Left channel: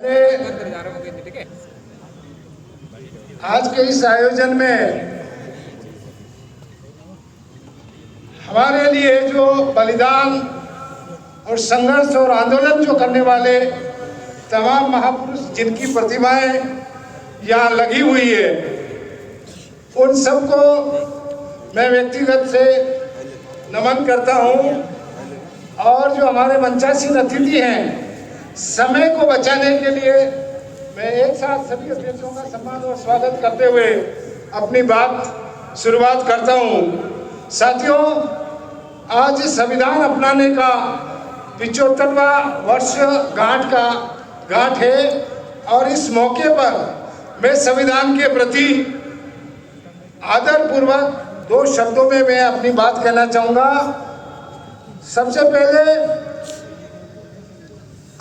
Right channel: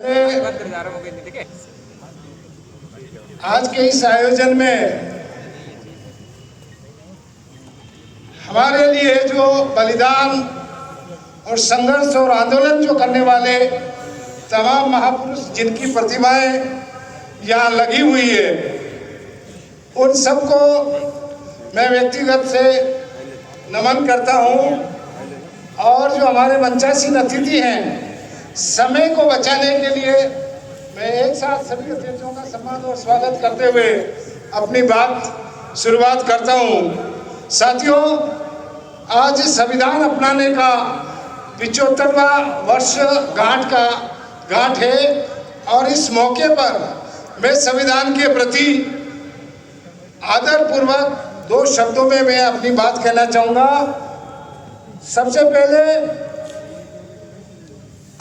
आज के इस आयोजन में हमारे लिए जो बलिदान और संघर्ष और आंदोलन जो करने वाले तमाम महापुरुष जिनकी प्रतिमाएं यहाँ लगी हुई है, उन सबको मैं व्यक्तिगत से नमन करता हूँ। और जो हमारे मंचासीन अतिथि हैं, समय को बचाने के लिए मैं एक साथ सभी अतिथियों का सम्मान और स्वागत करते हुए अपनी बात शुरुआत करता हूँ। साथियों, आज संविधान अपनाने का 75वां वर्ष गांठ है और इस मौके पर मैं संविधान के प्रति आदरपूर्वक दो शब्दों में मैं अपनी बात कहना चाहूँगा। सबसे पहले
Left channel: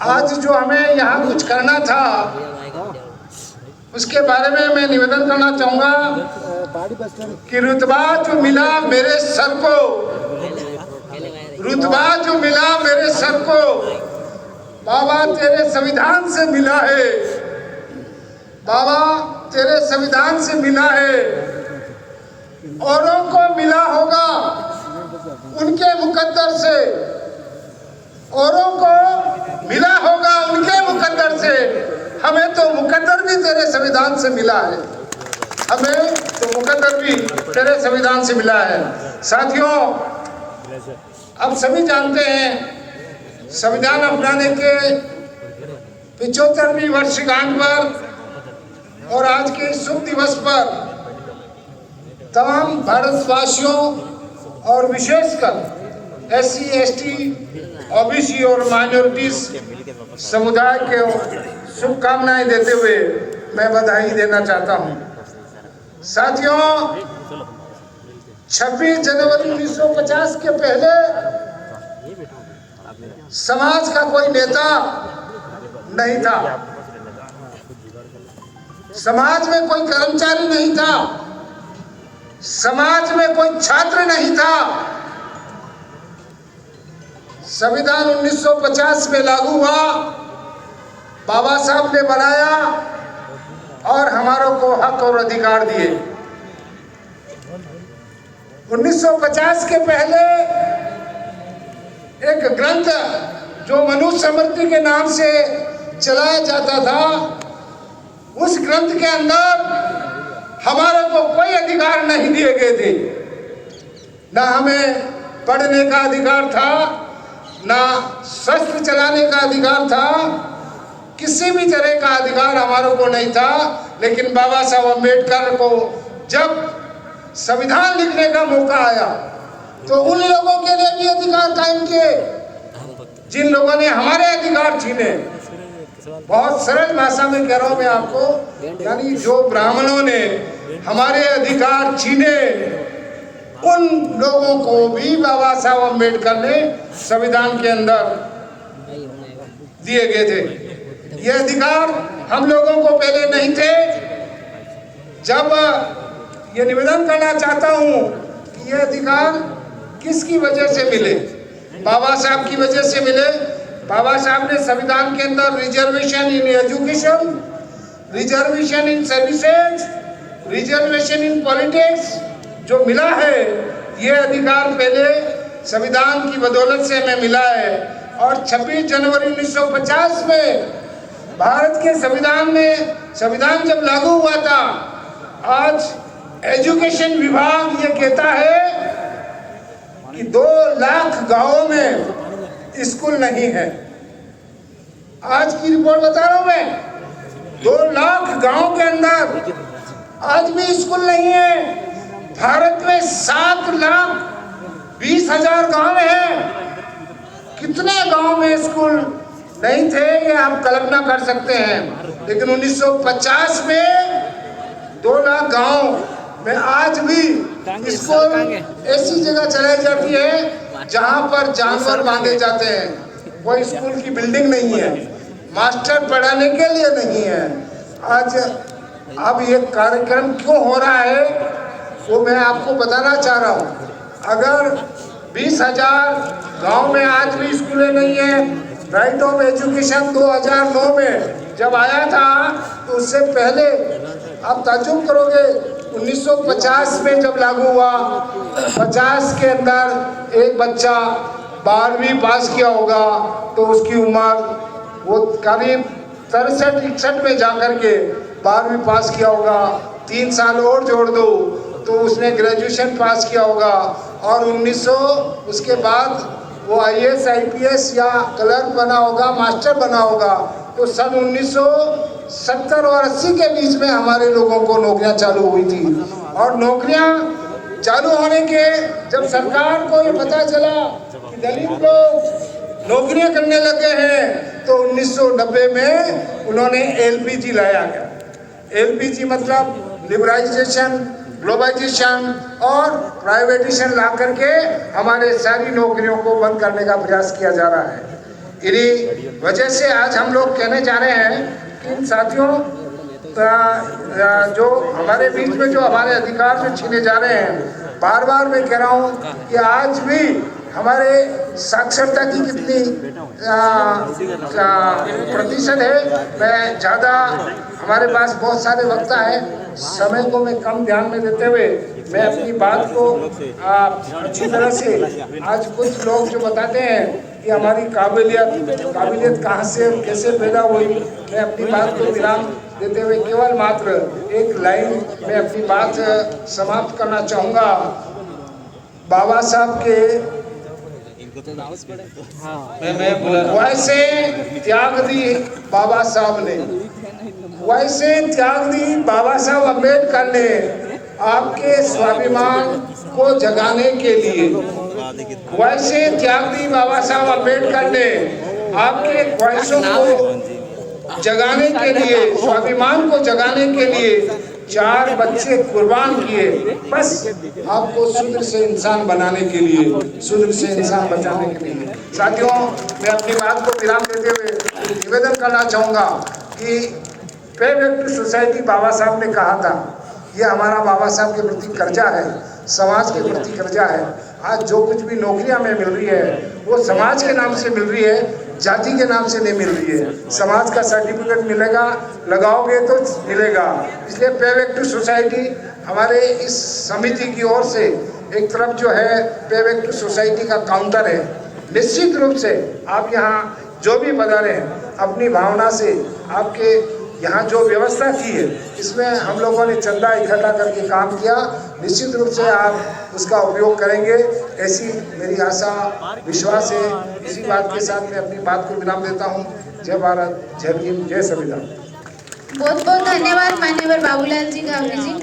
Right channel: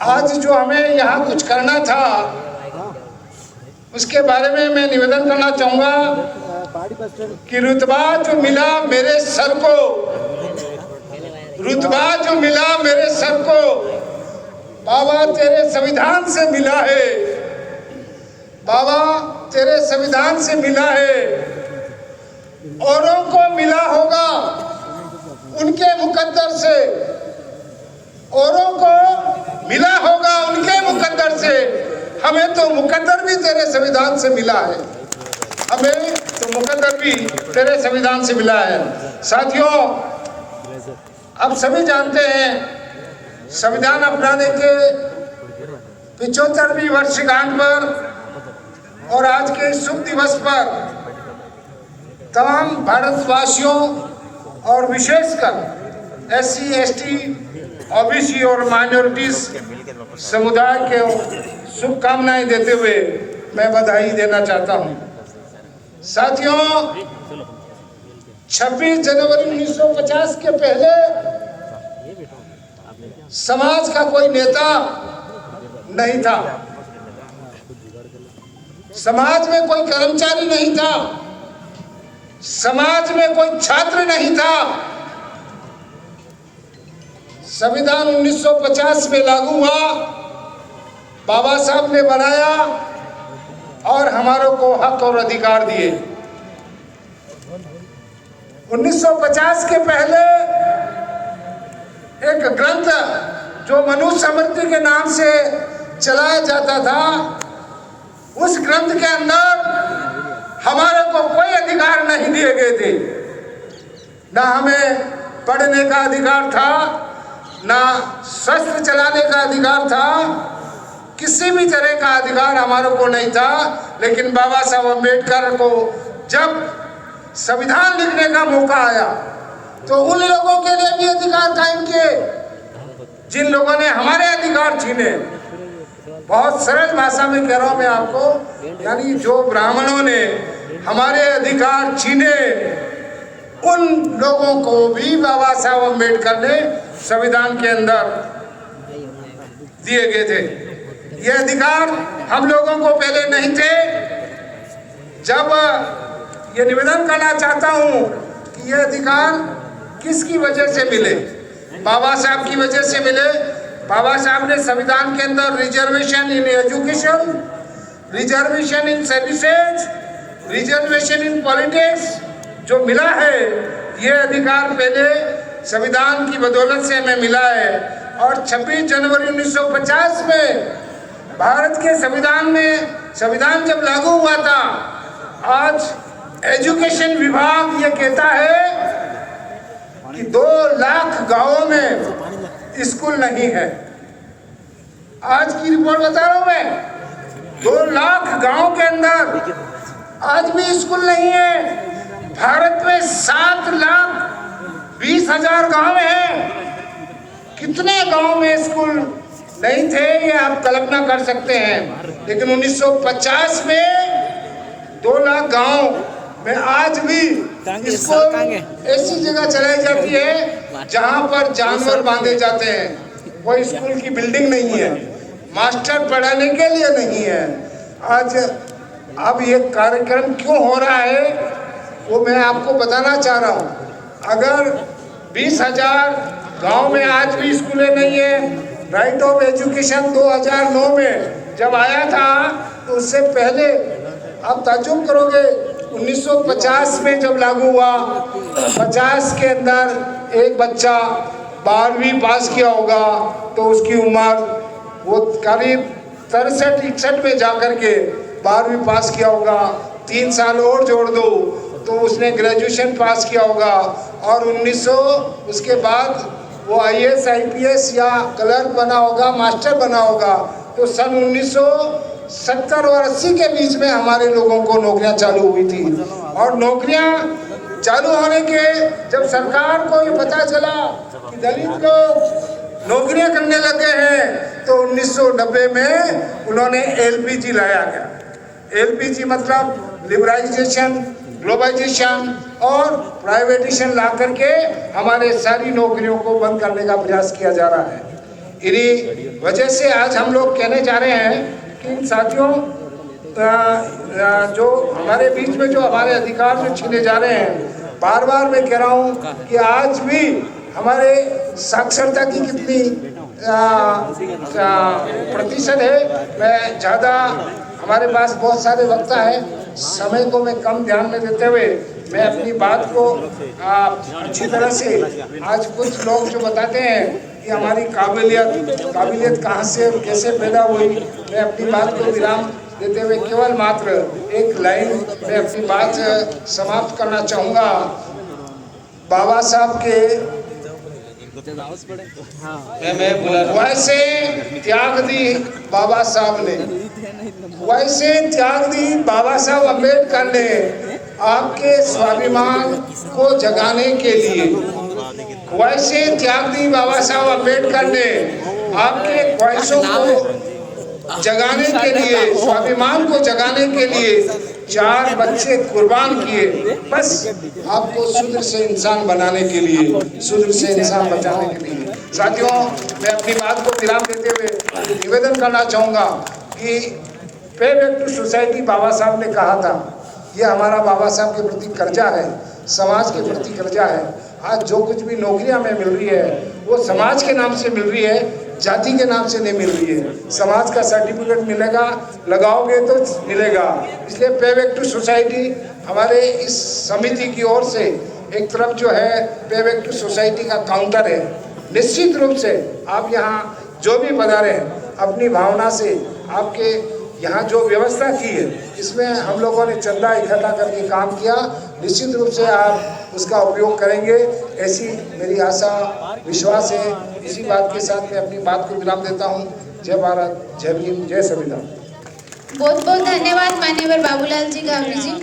आज जो हमें यहाँ कुछ करना था, उसके बारे में मैं निवेदन करना चाहूँगा कि रुतबा जो मिला मेरे सर को, रुतबा जो मिला मेरे सर को, बाबा तेरे संविधान से मिला है, बाबा तेरे संविधान से मिला है। औरों को मिला होगा उनके मुकद्दर से, औरों को मिला होगा उनके मुकद्दर से, हमें तो मुकद्दर भी तेरे संविधान से मिला है, हमें तो मुकद्दर भी तेरे संविधान से मिला है। साथियों, अब सभी जानते हैं संविधान अपनाने के 75वीं वर्षगांठ पर और आज के शुभ दिवस पर तमाम भारतवासियों और विशेषकर SC, ST, OBC और माइनॉरिटीज समुदाय के शुभकामनाएं देते हुए मैं बधाई देना चाहता हूं। साथियों, 26 जनवरी 1950 के पहले समाज का कोई नेता नहीं था, समाज में कोई कर्मचारी नहीं था, समाज में कोई छात्र नहीं था। संविधान 1950 में लागू हुआ, बाबा साहब ने बनाया और हमारों को हक और अधिकार दिए। 1950 के पहले एक ग्रंथ जो मनुस्मृति के नाम से चलाया जाता था, उस ग्रंथ के अंदर हमारे को कोई अधिकार नहीं दिए गए थे। ना हमें पढ़ने का अधिकार था, ना शस्त्र चलाने का अधिकार था, किसी भी तरह का अधिकार हमारे को नहीं था। लेकिन बाबा साहब अम्बेडकर को जब संविधान लिखने का मौका आया तो उन लोगों के लिए भी अधिकार कायम किए जिन लोगों ने हमारे अधिकार छीने। बहुत सरल भाषा में कह रहा हूं मैं आपको, यानी जो ब्राह्मणों ने हमारे अधिकार छीने, उन लोगों को भी बाबा साहब अम्बेडकर ने संविधान के अंदर दिए गए थे। ये अधिकार हम लोगों को पहले नहीं थे। जब ये निवेदन करना चाहता हूं कि ये अधिकार किसकी वजह से मिले, बाबा साहब की वजह से मिले। बाबा साहब ने संविधान के अंदर reservation in education, reservation in services, reservation in politics जो मिला है, ये अधिकार पहले संविधान की बदौलत से हमें मिला है। और 26 जनवरी 1950 में भारत के संविधान में, संविधान जब लागू हुआ था, आज एजुकेशन विभाग ये कहता है कि 2 लाख गांवों में स्कूल नहीं है। आज की रिपोर्ट बता रहा हूं मैं, 2 लाख गांव के अंदर आज भी स्कूल नहीं है। भारत में 7,20,000 गांव हैं। कितने गांव में स्कूल नहीं थे ये आप कल्पना कर सकते हैं। लेकिन 1950 में 2 लाख गांव में आज भी स्कूल ऐसी जगह चलाई जाती है जहां पर जानवर बांधे जाते हैं। कोई स्कूल की बिल्डिंग नहीं है, मास्टर पढ़ाने के लिए नहीं है। आज अब ये कार्यक्रम क्यों हो रहा है वो मैं आपको बताना चाह रहा हूँ। अगर 20,000 गांव में आज भी स्कूलें नहीं है, राइट ऑफ एजुकेशन 2009 में जब आया था तो उससे पहले आप ताज्जुब करोगे 1950 में जब लागू हुआ, 50 के अंदर एक बच्चा 12वीं पास किया होगा तो उसकी उम्र वो करीब 63-61 में जाकर के 12वीं पास किया होगा। 3 साल और जोड़ दो तो उसने ग्रेजुएशन पास किया होगा और 1900 उसके बाद वो IAS IPS या क्लर्क बना होगा, मास्टर बना होगा। तो सन 1970 और 80 के बीच में हमारे लोगों को नौकरियां चालू हुई थी और नौकरियां चालू होने के जब सरकार को ये पता चला कि दलित लोग नौकरियां करने लगे हैं तो 1990 में उन्होंने LPG लाया है। LPG मतलब लिबरलाइजेशन, ग्लोबलाइजेशन और प्राइवेटाइजेशन ला करके हमारे सारी नौकरियों को बंद करने का प्रयास किया जा रहा है। इन्हीं वजह से आज हम लोग कहने जा रहे हैं कि साथियों, जो हमारे बीच में जो हमारे अधिकार जो छीने जा रहे हैं, बार बार मैं कह रहा हूँ कि आज भी हमारे साक्षरता की कितनी प्रतिशत है। मैं ज़्यादा, हमारे पास बहुत सारे वक्ता है, समय को मैं कम ध्यान में देते हुए मैं अपनी बात को अच्छी तरह से, आज कुछ लोग जो बताते हैं कि हमारी काबिलियत कहाँ से और कैसे पैदा हुई, मैं अपनी बात को विराम देते हुए केवल मात्र एक लाइन में अपनी बात समाप्त करना चाहूँगा। बाबा साहब के वैसे त्याग दी बाबा साहब ने, वैसे त्याग दी बाबा साहब अम्बेडकर ने आपके स्वाभिमान को जगाने के लिए, वैसे त्याग दी बाबा साहब अम्बेडकर ने आपके ख्वाहिशों को जगाने के लिए, स्वाभिमान को जगाने के लिए 4 बच्चे कुर्बान किए, बस आपको शूद्र से इंसान बनाने के लिए, शूद्र से इंसान बचाने के लिए। साथियों, मैं अपनी बात को विराम देते हुए निवेदन करना चाहूँगा कि पे बैक टू सोसाइटी बाबा साहब ने कहा था, ये हमारा बाबा साहब के प्रति कर्जा है, समाज के प्रति कर्जा है। आज जो कुछ भी नौकरियां हमें मिल रही है वो समाज के नाम से मिल रही है, जाति के नाम से नहीं मिल रही है। समाज का सर्टिफिकेट मिलेगा, लगाओगे तो मिलेगा। इसलिए पे बैक टू सोसाइटी हमारे इस समिति की ओर से एक तरफ जो है पे बैक टू सोसाइटी का काउंटर है। निश्चित रूप से आप यहाँ जो भी पधारे हैं, अपनी भावना से आपके यहाँ जो व्यवस्था की है इसमें हम लोगों ने चंदा इकट्ठा करके काम किया, निश्चित रूप से आप उसका उपयोग करेंगे, ऐसी मेरी आशा विश्वास है। इसी बात के साथ मैं अपनी बात को विराम देता हूँ। जय भारत, जय भीम, जय संविधान। बहुत बहुत धन्यवाद मान्यवर बाबूलाल जी गावरी जी।